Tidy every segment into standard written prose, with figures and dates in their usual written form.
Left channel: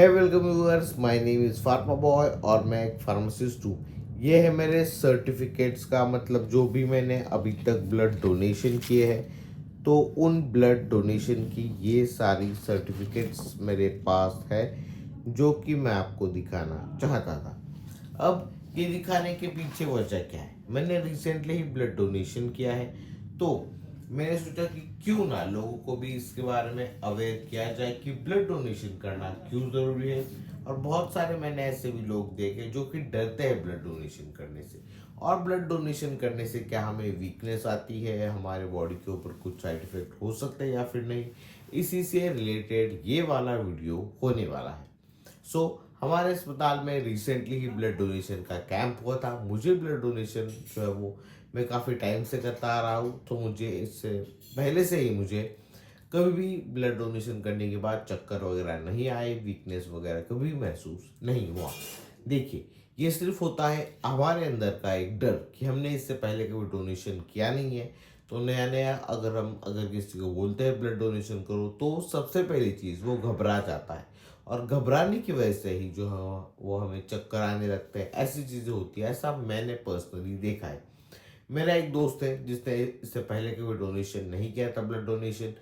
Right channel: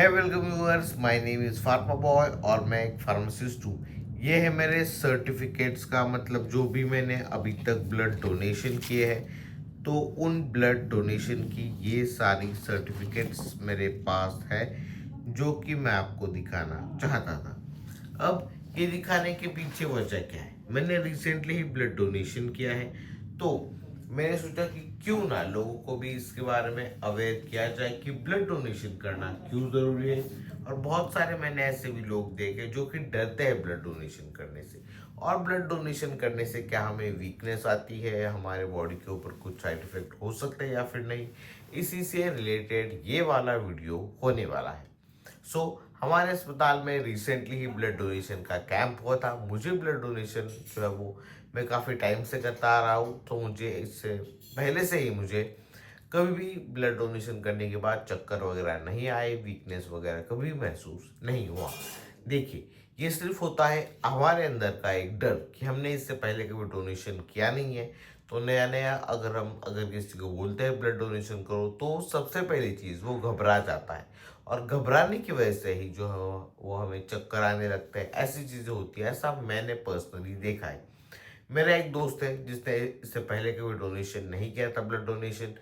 है welcome viewers, my name is pharma boy और मैं एक फार्मासिस्ट हूँ। ये है मेरे सर्टिफिकेट्स का मतलब जो भी मैंने अभी तक ब्लड डोनेशन किए हैं, तो उन ब्लड डोनेशन की ये सारी सर्टिफिकेट्स मेरे पास है, जो कि मैं आपको दिखाना चाहता था। अब ये दिखाने के पीछे वजह क्या है? मैंने रिसेंटली ही ब्लड डोनेशन किया है, तो मैंने सोचा कि क्यों ना लोगों को भी इसके बारे में अवेयर किया जाए कि ब्लड डोनेशन करना क्यों जरूरी है। और बहुत सारे मैंने ऐसे भी लोग देखे जो कि डरते हैं ब्लड डोनेशन करने से, और ब्लड डोनेशन करने से क्या हमें वीकनेस आती है, हमारे बॉडी के ऊपर कुछ साइड इफेक्ट हो सकते हैं या फिर नहीं। इसी से रिलेटेड ये वाला वीडियो होने वाला है। हमारे अस्पताल में रिसेंटली ही ब्लड डोनेशन का कैंप हुआ था। मुझे ब्लड डोनेशन जो है वो मैं काफ़ी टाइम से करता आ रहा हूँ, तो मुझे इससे पहले से ही मुझे कभी भी ब्लड डोनेशन करने के बाद चक्कर वगैरह नहीं आए, वीकनेस वगैरह कभी महसूस नहीं हुआ। देखिए, ये सिर्फ होता है हमारे अंदर का एक डर कि हमने इससे पहले कभी डोनेशन किया नहीं है। तो नया नया अगर किसी को बोलते हैं ब्लड डोनेशन करो, तो सबसे पहली चीज़ वो घबरा जाता है, और घबराने की वजह से ही जो है वो हमें चक्कर आने लगते हैं, ऐसी चीज़ें होती है। ऐसा मैंने पर्सनली देखा है। मेरा एक दोस्त है जिसने इससे पहले कभी डोनेशन नहीं किया था, ब्लड डोनेशन।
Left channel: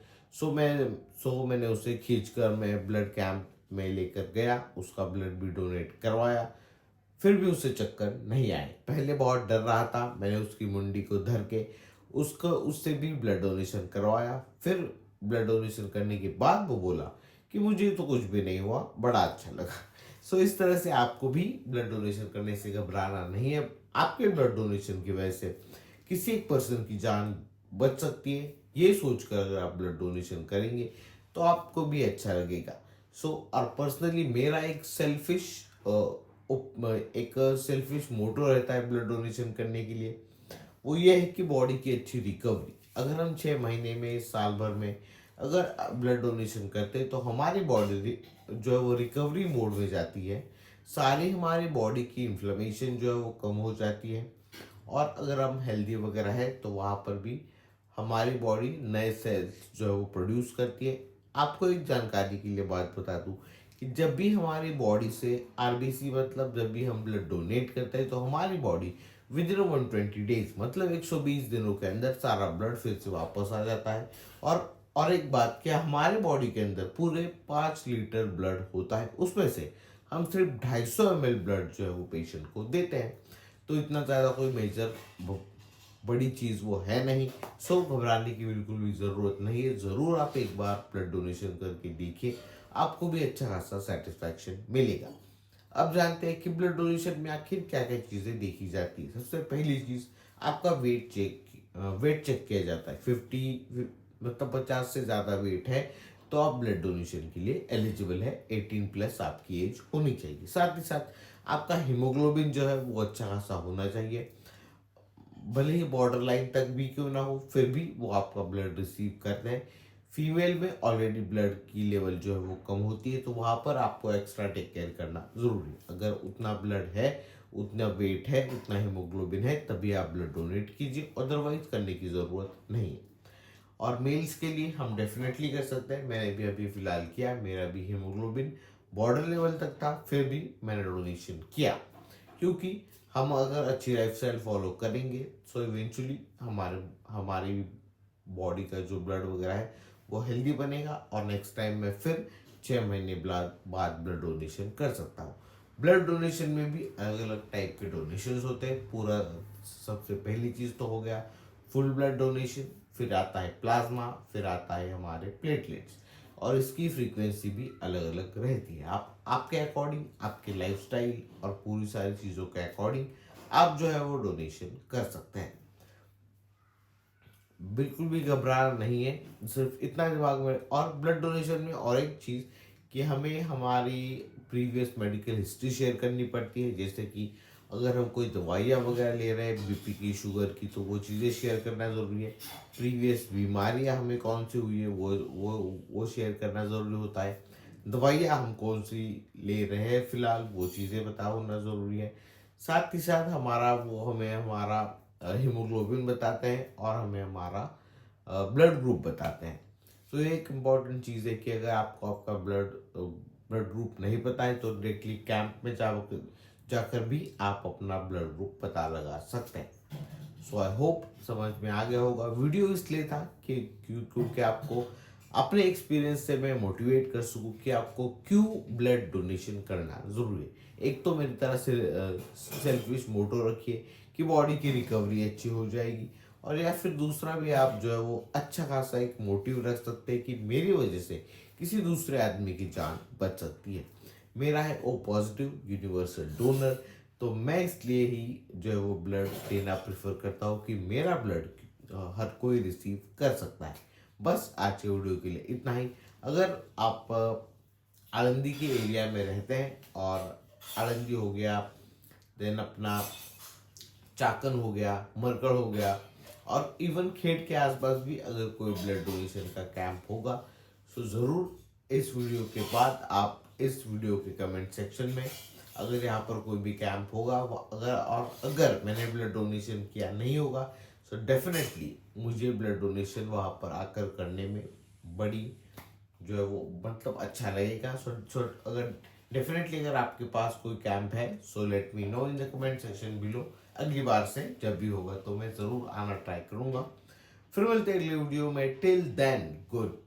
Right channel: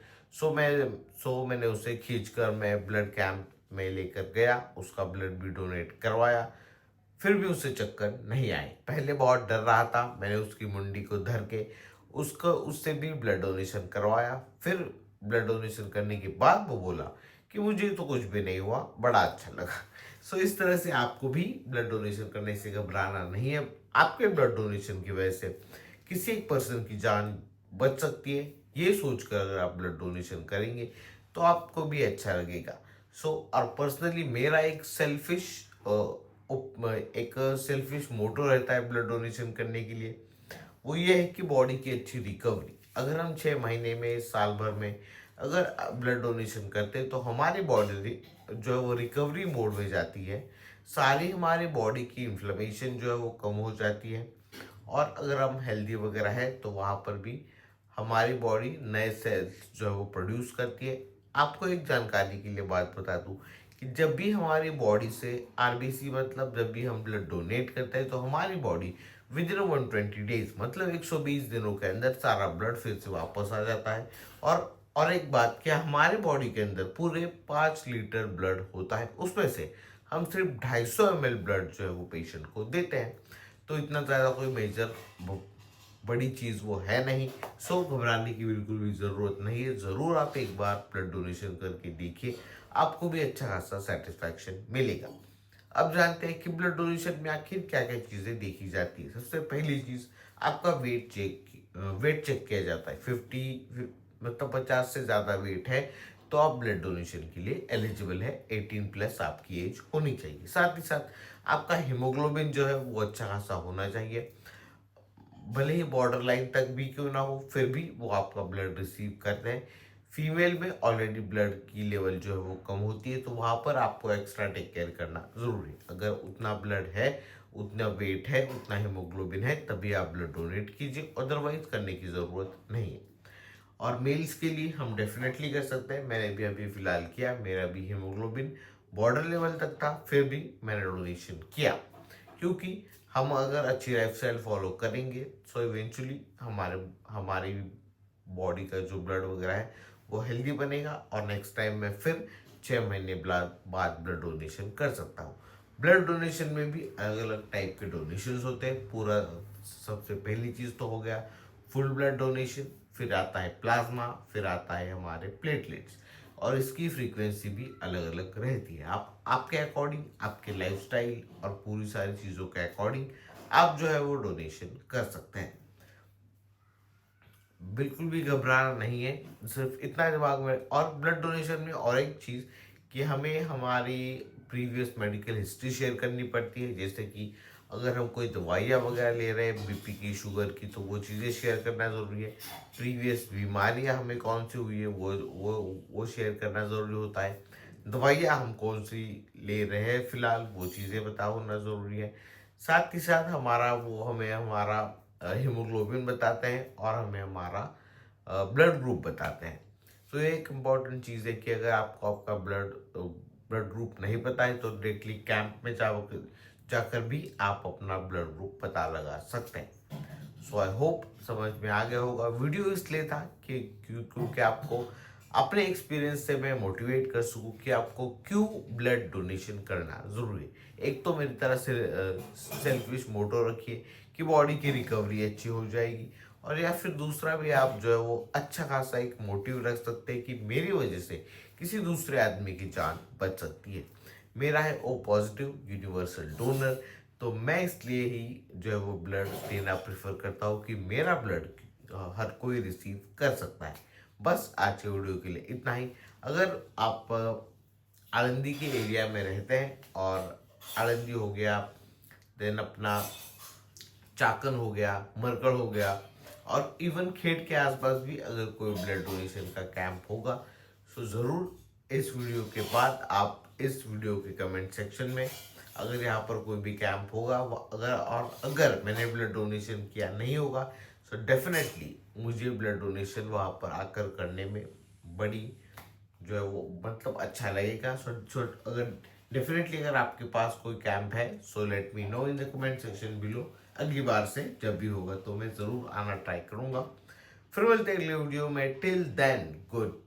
मैंने उसे खींच कर मैं ब्लड कैंप में लेकर गया, उसका ब्लड भी डोनेट करवाया। फिर भी उसे चक्कर नहीं आए। पहले बहुत डर रहा था, मैंने उसकी मुंडी को धर के उससे भी ब्लड डोनेशन करवाया। फिर ब्लड डोनेशन करने के बाद वो बोला कि मुझे तो कुछ भी नहीं हुआ, बड़ा अच्छा लगा। इस तरह से आपको भी ब्लड डोनेशन करने से घबराना नहीं है। आपके ब्लड डोनेशन की वजह से किसी एक पर्सन की जान बच सकती है, ये सोचकर अगर आप ब्लड डोनेशन करेंगे तो आपको भी अच्छा लगेगा। और पर्सनली मेरा एक सेल्फिश मोटो रहता है ब्लड डोनेशन करने के लिए। वो ये है कि बॉडी की अच्छी रिकवरी। अगर हम 6 महीने में, साल भर में अगर ब्लड डोनेशन करते हैं, तो हमारी बॉडी जो है वो रिकवरी मोड में जाती है। सारी हमारी बॉडी की इन्फ्लेमेशन जो है वो कम हो जाती है, और अगर हम हेल्दी वगैरह है तो वहाँ पर भी हमारी बॉडी नए सेल्स जो है वो प्रोड्यूस करती है। आपको एक जानकारी के लिए बात बता दूं कि जब भी हमारी बॉडी से आरबीसी, मतलब जब भी हम ब्लड डोनेट करते हैं, तो हमारी बॉडी विद इन 120 डेज, मतलब 120 दिनों के अंदर सारा ब्लड फिर से वापस आ जाता है। और एक बात, क्या हमारे बॉडी के अंदर पूरे 5 लीटर ब्लड होता है, उसमें से हम सिर्फ 250 ml ब्लड जो है वो पेशेंट को देते हैं। तो इतना ज़्यादा कोई मेजर बड़ी चीज़ वो है नहीं। घबराने की बिल्कुल भी ज़रूरत नहीं है। ज़रूर आप एक बार ब्लड डोनेशन करके देखिए, आपको भी अच्छा खासा सेटिस्फैक्शन मिलेगा। अब जानते हैं कि ब्लड डोनेशन में आखिर क्या क्या चीज़ें देखी जाती है। सबसे पहली चीज़, आपका वेट चेक किया जाता है। 50, मतलब 50 से ज़्यादा वेट है तो आप ब्लड डोनेशन के लिए एलिजिबल है। 18+ आपकी एज होनी चाहिए। साथ ही साथ आपका हीमोग्लोबिन जो है वो अच्छा खासा होना चाहिए। भले ही बॉर्डर लाइन तक भी क्यों ना हो, फिर भी वो आपका ब्लड रिसीव करते हैं। फीमेल में ऑलरेडी ब्लड की लेवल जो है वो कम होती है, तो वहां पर आपको एक्स्ट्रा टेक केयर करना जरूरी है। अगर उतना ब्लड है, उतना वेट है, उतना हीमोग्लोबिन है, तभी आप ब्लड डोनेट कीजिए, अदरवाइज करने की जरूरत नहीं है। और मेल्स के लिए हम डेफिनेटली कर सकते हैं। मैंने भी अभी फिलहाल किया, मेरा भी हीमोग्लोबिन बॉर्डर लेवल तक था, फिर भी मैंने डोनेशन किया। क्योंकि हम अगर अच्छी लाइफस्टाइल फॉलो करेंगे, इवेंचुअली हमारी बॉडी का जो ब्लड वगैरह है वो हेल्दी बनेगा, और नेक्स्ट टाइम मैं फिर 6 महीने बाद ब्लड डोनेशन कर सकता हूँ। ब्लड डोनेशन में भी अलग अलग टाइप के डोनेशन होते हैं। पूरा सबसे पहली चीज तो हो गया फुल ब्लड डोनेशन, फिर आता है प्लाज्मा, फिर आता है हमारे प्लेटलेट्स। और इसकी फ्रीक्वेंसी भी अलग अलग रहती है। आप आपके अकॉर्डिंग, आपके लाइफस्टाइल और पूरी सारी चीज़ों के अकॉर्डिंग आप जो है वो डोनेशन कर सकते हैं। बिल्कुल भी घबराना नहीं है, सिर्फ इतना दिमाग में। और ब्लड डोनेशन में और एक चीज़, कि हमें हमारी प्रीवियस मेडिकल हिस्ट्री शेयर करनी पड़ती है। जैसे कि अगर हम कोई दवाइयाँ वगैरह ले रहे हैं बीपी की, शुगर की, तो वो चीज़ें शेयर करना ज़रूरी है। प्रीवियस बीमारियाँ हमें कौन सी हुई है वो शेयर करना ज़रूरी होता है। दवाइयाँ हम कौन सी ले रहे हैं फिलहाल, वो चीज़ें बता होना ज़रूरी है। साथ ही साथ हमें हमारा हीमोग्लोबिन बताते हैं, और हमें हमारा ब्लड ग्रुप बताते हैं। ये एक इम्पॉर्टेंट चीज़ है कि अगर आपको आपका ब्लड ब्लड ग्रुप नहीं पता है तो डायरेक्टली कैंप में जाकर भी आप अपना ब्लड ग्रुप पता लगा सकते हैं। सो आई होप समझ में आ गया होगा। वीडियो इसलिए था कि क्योंकि आपको अपने एक्सपीरियंस से मैं मोटिवेट कर सकूं कि आपको क्यों ब्लड डोनेशन करना जरूरी है। एक तो मेरी तरह से सेल्फिश मोटो रखिए कि बॉडी की रिकवरी अच्छी हो जाएगी, और या फिर दूसरा भी आप जो है वो अच्छा खासा एक मोटिव रख सकते हैं कि मेरी वजह से किसी दूसरे आदमी की जान बच सकती है। मेरा है ओ पॉजिटिव यूनिवर्सल डोनर, तो मैं इसलिए ही जो है वो ब्लड देना प्रेफर करता हूँ कि मेरा ब्लड हर कोई रिसीव कर सकता है। बस आज के वीडियो के लिए इतना ही। अगर आप आलंदी के एरिया में रहते हैं, और आलंदी हो गया, देन अपना चाकन हो गया, मरकड़ हो गया, और इवन खेड के आसपास भी अगर कोई ब्लड डोनेशन का कैंप होगा, तो ज़रूर इस वीडियो के बाद आप इस वीडियो के कमेंट सेक्शन में अगर यहाँ पर कोई भी कैंप होगा अगर मैंने ब्लड डोनेशन किया नहीं होगा, तो डेफिनेटली मुझे ब्लड डोनेशन वहाँ पर आकर करने में बड़ी जो है वो मतलब अच्छा लगेगा। सो अगर डेफिनेटली अगर आपके पास कोई कैंप है, so let me know in the comment section below. अगली बार से जब भी होगा तो मैं जरूर आना ट्राई करूंगा। फिर मिलते हैं अगले वीडियो में। Till then good